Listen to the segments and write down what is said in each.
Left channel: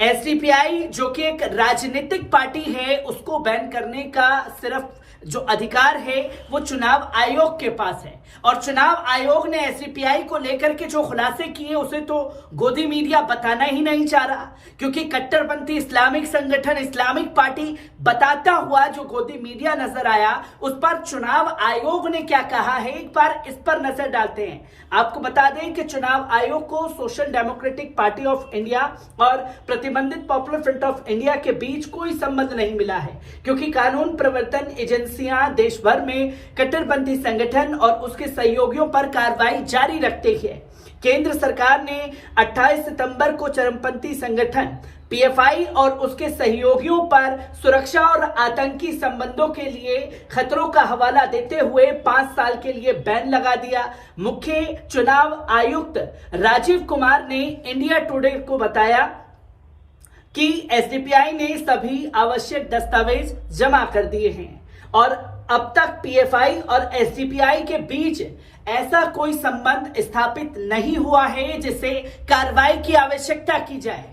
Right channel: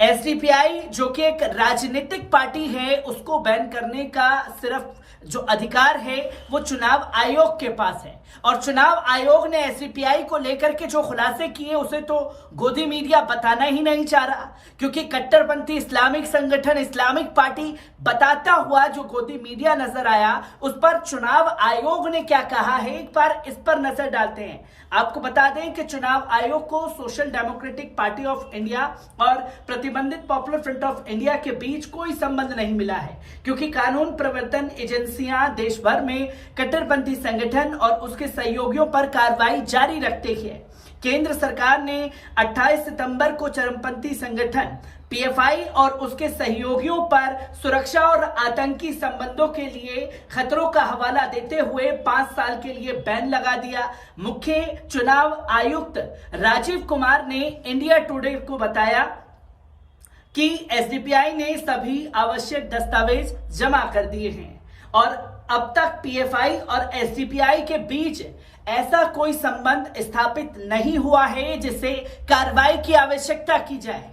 SDPI जो कि एक राजनीतिक पार्टी है, उसको बैन करने का सिर्फ जो अधिकार है वो चुनाव आयोग के पास है। और चुनाव आयोग ने एसडीपीआई को लेकर के जो खुलासे किए उसे तो गोदी मीडिया बताना ही नहीं चाह रहा, क्योंकि कट्टरपंथी इस्लामिक संगठन, इस्लामिक पार्टी बताता हुआ जो गोदी मीडिया नजर आया, उस पर चुनाव आयोग ने क्या कहा है, एक बार इस पर नजर डालते हैं। आपको बता दें कि चुनाव आयोग को social democratic party of India और प्रतिबंधित पॉपुलर फ्रंट ऑफ इंडिया के बीच कोई संबंध नहीं मिला है, क्योंकि कानून प्रवर्तन एजेंसियां देश भर में कट्टरपंथी संगठन और उसके सहयोगियों पर कार्रवाई जारी रखते हैं। केंद्र सरकार ने 28 सितंबर को चरमपंथी संगठन पीएफआई और उसके सहयोगियों पर सुरक्षा और आतंकी संबंधों के लिए खतरों का हवाला देते हुए 5 साल के लिए बैन लगा दिया। मुख्य चुनाव आयुक्त राजीव कुमार ने इंडिया टुडे को बताया कि एसडीपीआई ने सभी आवश्यक दस्तावेज जमा कर दिए हैं और अब तक पीएफआई और एसडीपीआई के बीच ऐसा कोई संबंध स्थापित नहीं हुआ है जिससे कार्रवाई की आवश्यकता की जाए,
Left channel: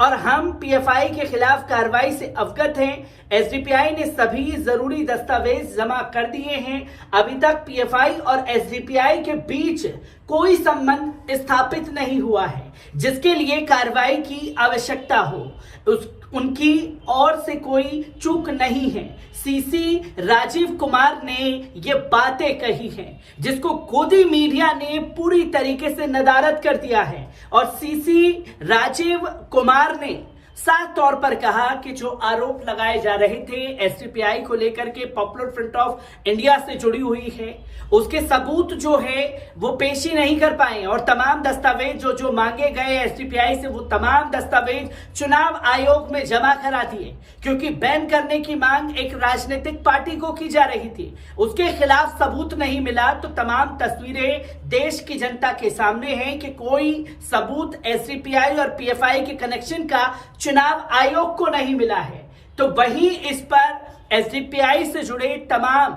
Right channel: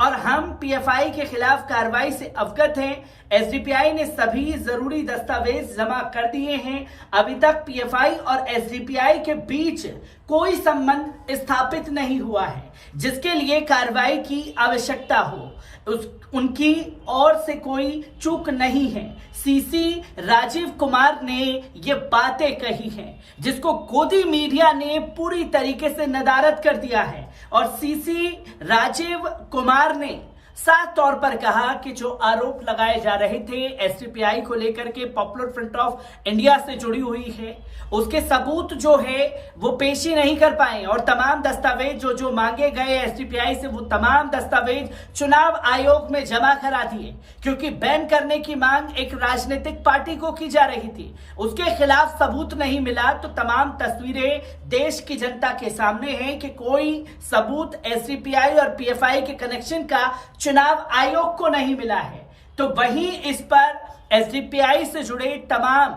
और हम पीएफआई के खिलाफ कार्रवाई से अवगत हैं। एसडीपीआई ने सभी जरूरी दस्तावेज जमा कर दिए हैं। अभी तक पीएफआई और एसडीपीआई के बीच कोई संबंध स्थापित नहीं हुआ है जिसके लिए कार्रवाई की आवश्यकता हो। उनकी ओर से कोई चूक नहीं है। सीसी राजीव कुमार ने ये बातें कही हैं जिसको गोदी मीडिया ने पूरी तरीके से नदारद कर दिया है। और सीसी राजीव कुमार ने साफ तौर पर कहा कि जो आरोप लगाए जा रहे थे एसडीपीआई को लेकर के पॉपुलर फ्रंट ऑफ इंडिया से जुड़ी हुई है, उसके सबूत जो है वो पेश ही नहीं कर पाए, और तमाम दस्तावेज जो मांगे गए एसडीपीआई से वो तमाम दस्तावेज चुनाव आयोग में जमा करा दिए, क्योंकि बैन करने की मांग एक राजनीतिक पार्टी को की जा रही थी। उसके खिलाफ सबूत नहीं मिला तो तमाम तस्वीरें देश की जनता के सामने हैं कि कोई सबूत एसडीपीआई और पीएफआई के कनेक्शन का चुनाव आयोग को नहीं मिला है। तो वहीं इस पर एसडीपीआई से जुड़े तमाम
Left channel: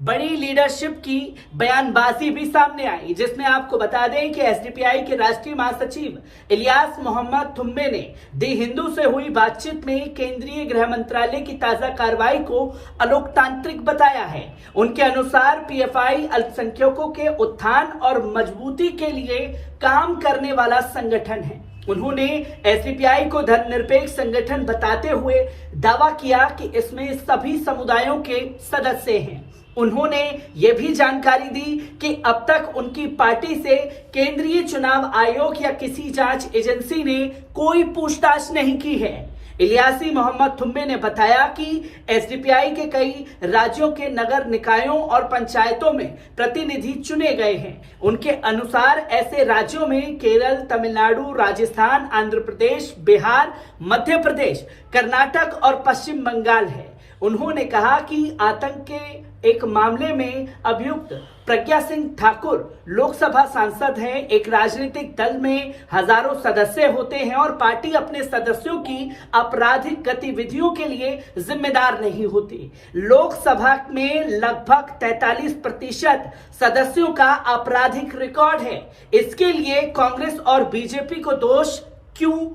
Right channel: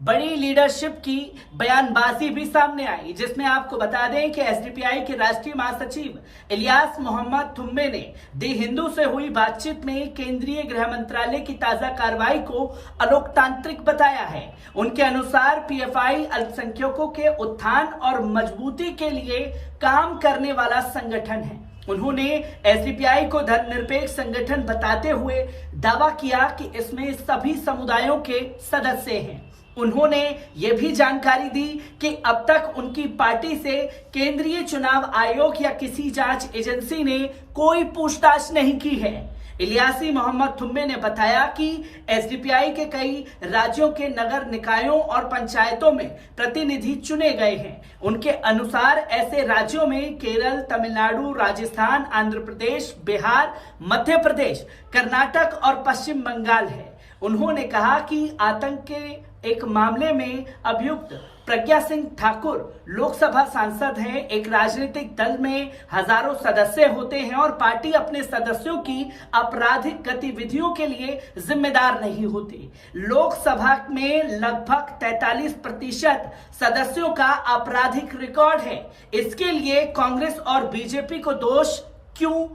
बड़ी लीडरशिप की बयानबाजी भी सामने आई, जिसमें आपको बता दें कि एसडीपीआई के राष्ट्रीय महासचिव इलियास मोहम्मद थुम्मे ने दी हिंदू से हुई बातचीत में केंद्रीय गृह मंत्रालय की ताजा कार्रवाई को अलोकतांत्रिक बताया है। उनके अनुसार पीएफआई अल्पसंख्यकों के उत्थान और मजबूती के लिए काम करने वाला संगठन है। उन्होंने एसडीपीआई को धर्मनिरपेक्ष संगठन बताते हुए दावा किया कि इसमें सभी समुदायों के सदस्य हैं। उन्होंने ये भी जानकारी दी कि अब तक उनकी पार्टी से केंद्रीय चुनाव आयोग या किसी जांच एजेंसी ने कोई पूछताछ नहीं की है। इलियासी मोहम्मद थुम्मे ने बताया कि एसडीपीआई के कई राज्यों के नगर निकायों और पंचायतों में प्रतिनिधि चुने गए हैं। उनके अनुसार ऐसे राज्यों में केरल, तमिलनाडु, राजस्थान, आंध्र प्रदेश, बिहार, मध्य प्रदेश, कर्नाटक और पश्चिम बंगाल है। उन्होंने कहा कि आतंक के एक मामले में अभियुक्त प्रज्ञा सिंह ठाकुर लोकसभा सांसद हैं। एक राजनीतिक दल में हजारों सदस्य होते हैं और पार्टी अपने सदस्यों की आपराधिक गतिविधियों के लिए जिम्मेदार नहीं होती। लोकसभा में लगभग 43% सदस्यों का आपराधिक रिकॉर्ड है। इसके लिए कांग्रेस और बीजेपी को दोष क्यों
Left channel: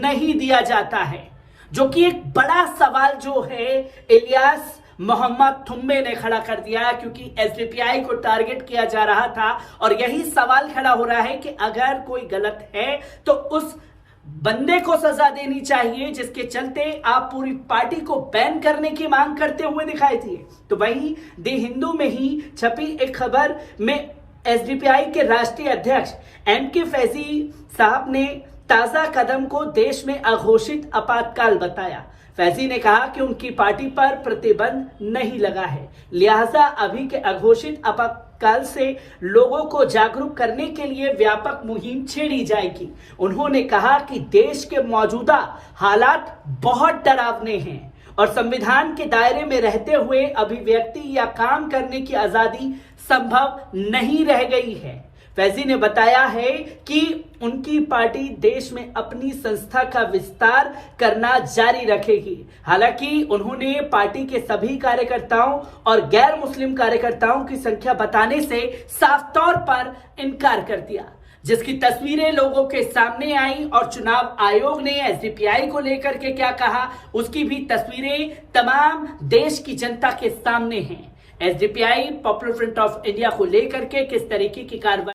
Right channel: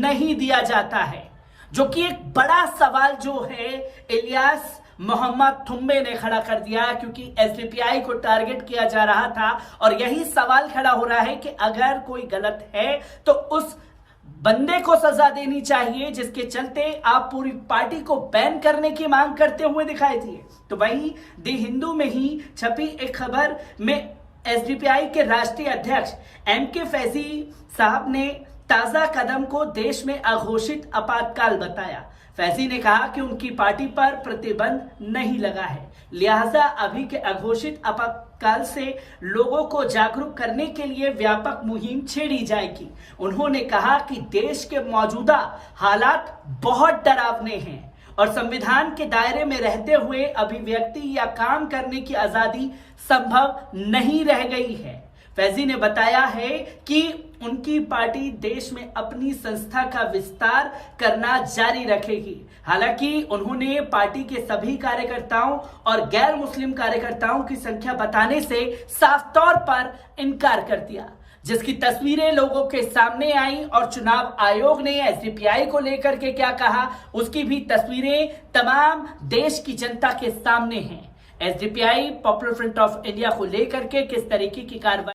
नहीं दिया जाता है, जो कि एक बड़ा सवाल जो है इलियास मोहम्मद थुम्मे ने खड़ा कर दिया, क्योंकि एसडीपीआई को टारगेट किया जा रहा था। और यही सवाल खड़ा हो रहा है कि अगर कोई गलत है तो उस बंदे को सजा देनी चाहिए जिसके चलते आप पूरी पार्टी को बैन करने की मांग करते हुए दिखाई दिए। तो वहीं दी हिंदू में ही छपी एक खबर में एसडीपीआई के राष्ट्रीय अध्यक्ष एमके फैजी साहब ने ताजा कदम को देश में अघोषित आपातकाल बताया। फैजी ने कहा कि उनकी पार्टी पर प्रतिबंध नहीं लगा है, लिहाजा अभी के अघोषित आपातकाल से लोगों को जागरूक करने के लिए व्यापक मुहिम छेड़ी जाएगी। उन्होंने कहा कि देश के मौजूदा हालात बहुत डरावने हैं और संविधान के दायरे में रहते हुए अभिव्यक्ति या काम करने की आजादी संभव नहीं रह गई है। फैजी ने बताया है कि उनकी पार्टी देश में अपनी संस्था का विस्तार करना जारी रखेगी। हालांकि उन्होंने पार्टी के सभी कार्यकर्ताओं और गैर मुस्लिम कार्यकर्ताओं की संख्या बताने से साफ तौर पर इनकार कर दिया। जिसकी तस्वीरें लोगों के सामने आई और चुनाव आयोग ने एसडीपीआई को लेकर के क्या कहा, उसकी भी तस्वीरें तमाम देश की जनता के सामने हैं। SDPI popular front of India को लेकर के किस तरीके की कार्रवाई